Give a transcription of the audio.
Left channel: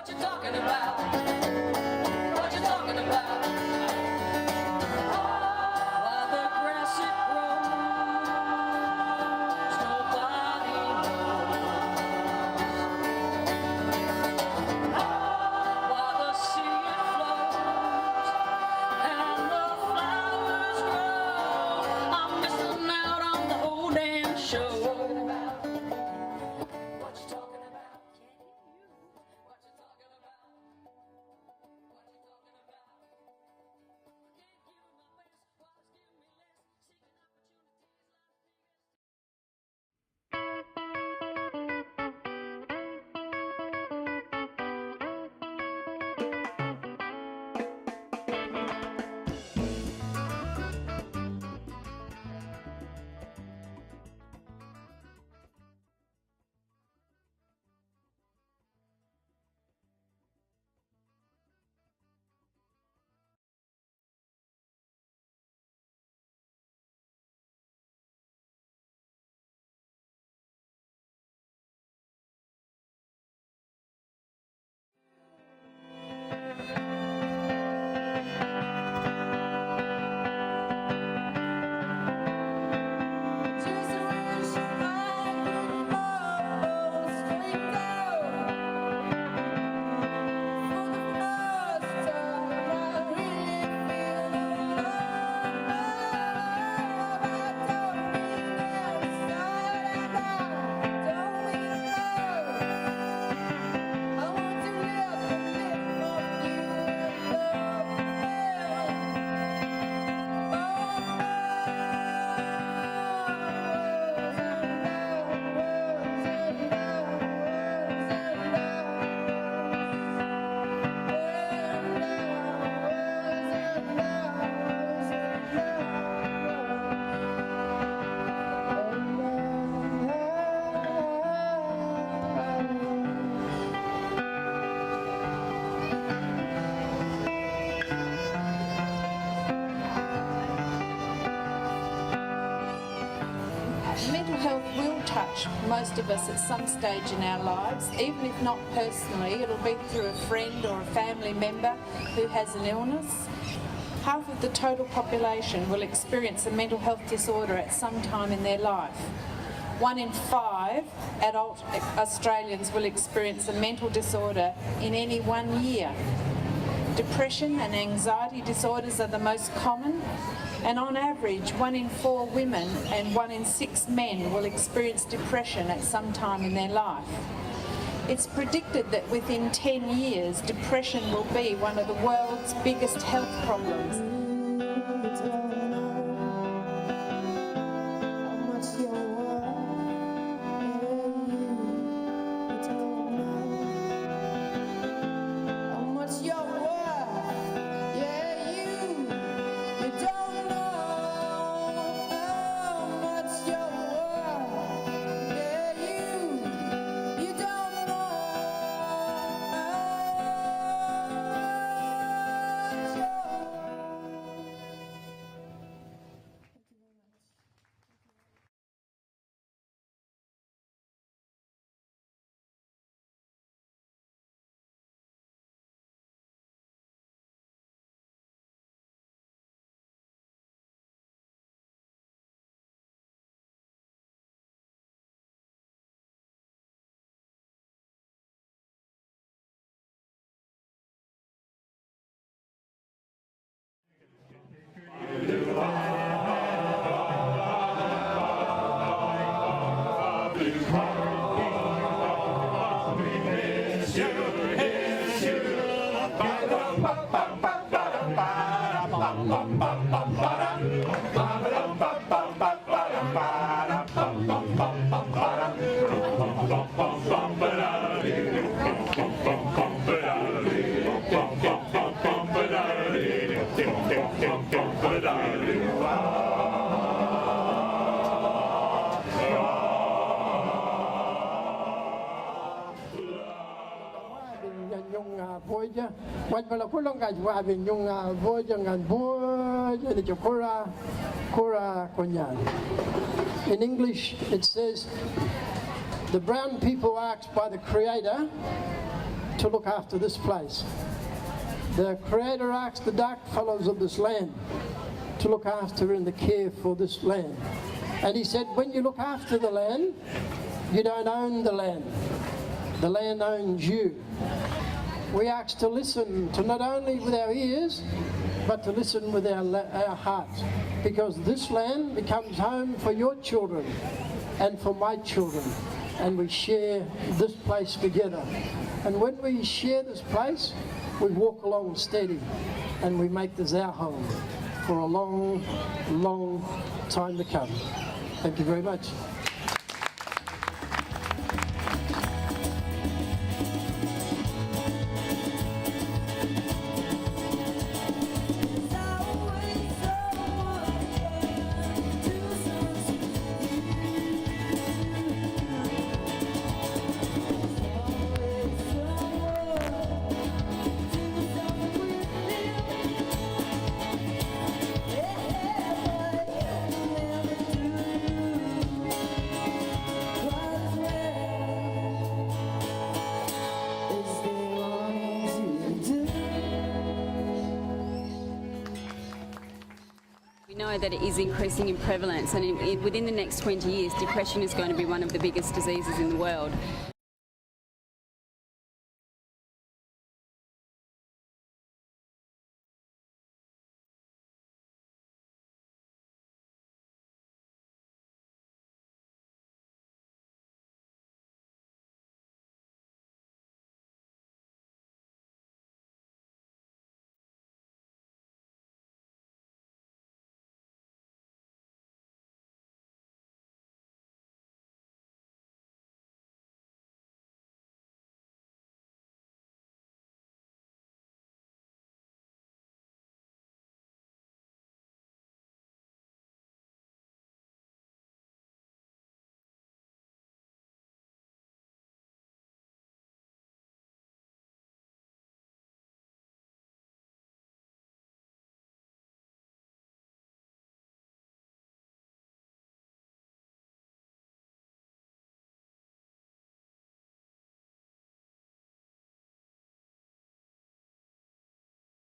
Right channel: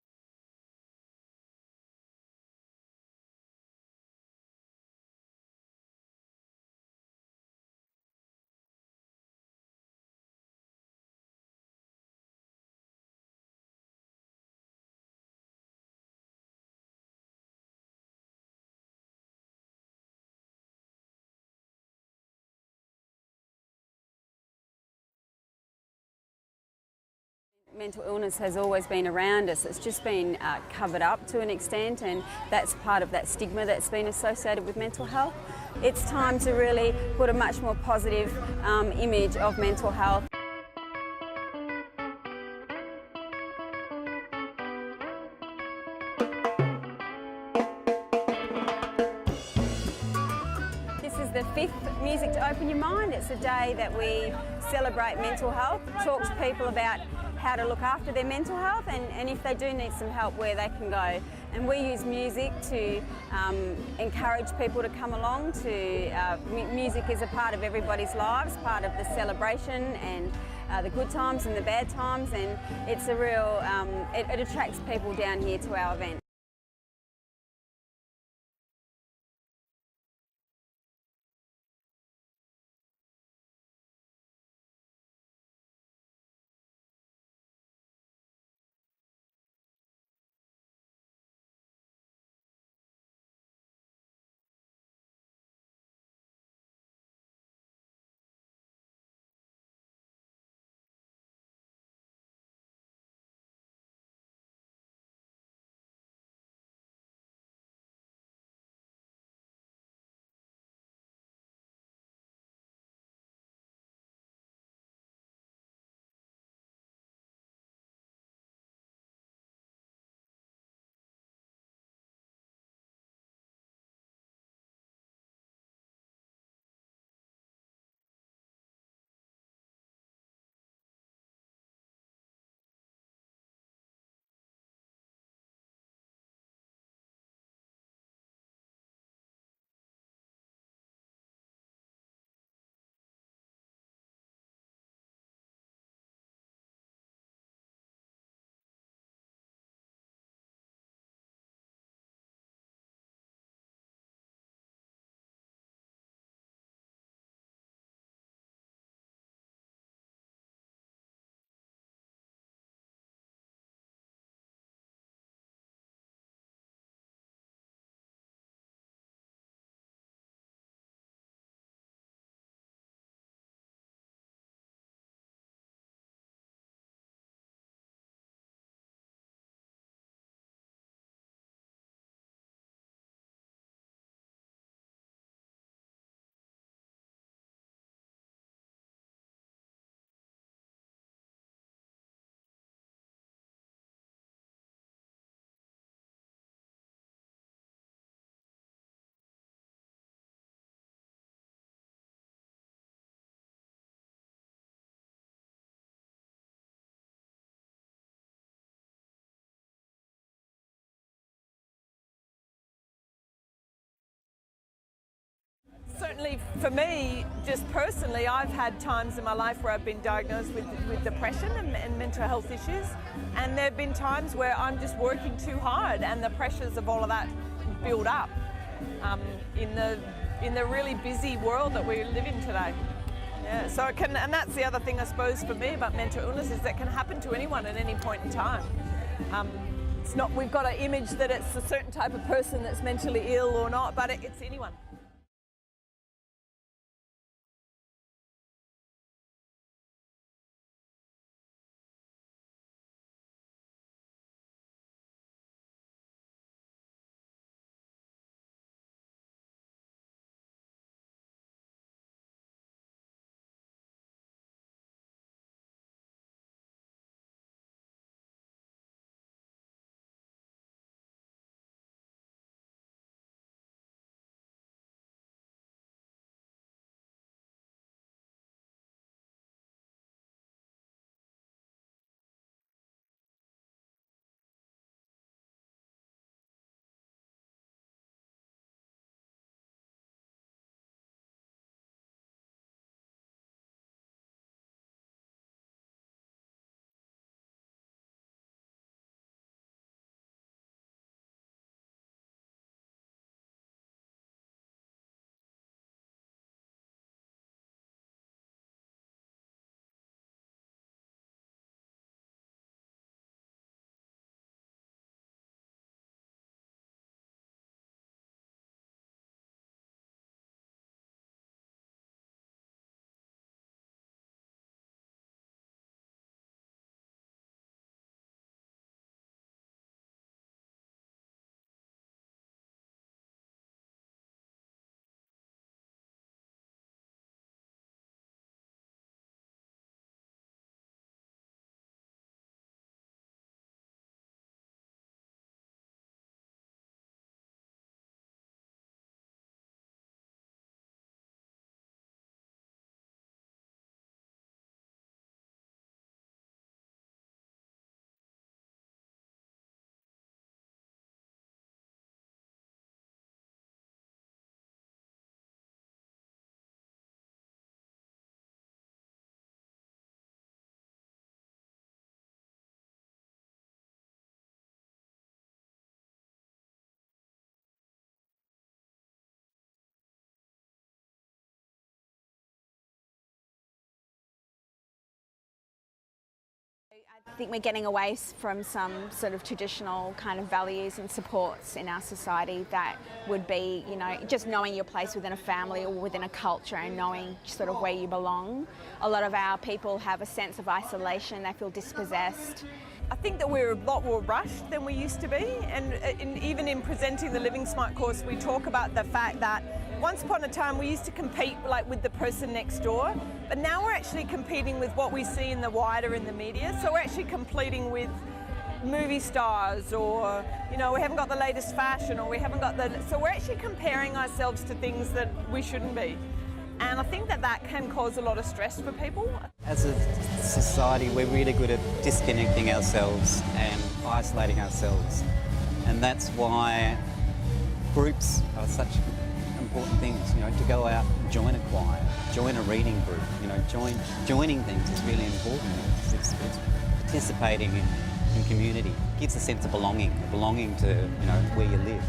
What you talking about? What you talking about? While the grass it grows, nobody knows. While the sea it flows and the flowers grow, I'm missing out on the whole damn show. Mental illness has always been around us. It's just been covered up to an extent, and that's part of that stigma that's been associated with mental health. It's time to really put a much more positive image of mental health. This is the 5th Music to Open Your Mind. It's a day that we celebrate mental health, talk to people about how to look after their mental health, and if they do need some help, where they can go. And we use music to encourage people to come along. Music is a part of everybody's lives, part of the celebration and the good times and the bad times, and it's a real, it attracts people down here to our event. Mental health will touch most of us at some stage in our lives, even if not personally. It'll be through a friend or a family member who has an illness. Half of the total population will experience a mental health disorder at some time in their life. 1 in 5 adult Australians will experience a mental disorder in any 1 year. Depression and anxiety disorders are the most common, and on average 1 in 4 women and 1 in 6 men will experience depression at some time in their life. It's predicted that within 10 years, depression will be one of the world's biggest health problems. Certainly for me, just personally, I've had times in my life where I've been diagnosed with depression and mental health issues, and there have been times where I'm just working too hard and the pressures of all of that build up in the really busy world that we live in today. Yeah, so it can, and that's the other thing I suppose for me about mental illness, is that it can happen to anyone at any point in time. It's not, we've got an image that it's a certain type of person that's mentally ill or not, but it's anyone. In English, it says, the brown people asked by the Creator to look after this place. The Creator asked the dark fellows of this land to look after and to care for this land. And he said, when you look after the land, you don't own the land. The land owns you. We ask to listen to not only with our ears, but to listen with our hearts, because this land becomes home for your children and for my children, and we share this place together. And when we share this place, we walk along steady and we make this our home for a long, long time to come. Thank you very much. We know that it is increasing in prevalence, and within the next 20 years, depression is going to be one of the biggest diseases in the world. I think we're getting away from some sort of traditional kind of values and supports in our society that would be, you know, just knowing your place within a family or within a culture and knowing sort of where you belong. A lot of our people have a sense of isolation, they feel dispossessed. I think that we're a lot more rushed than we used to be, and even in presenting the Living Smart course, we talk about the fact that once upon a time we used to compete like with the person next door, but now we're actually competing with what we see in the wider in the media. So we're actually competing with movie stars, or you know, we haven't got the latest fashion, or we haven't got the, so we're actually comparing ourselves to things that we shouldn't be. And I think that that can cause a lot of stress for people. As a society, we're really good at disconnecting ourselves and isolating ourselves. And that's why groups are such important things, you know, to go out and join a choir, join a reading group, you know, joining things is really important. It's participating in community. It gives a sense of belonging to, you know, where you live.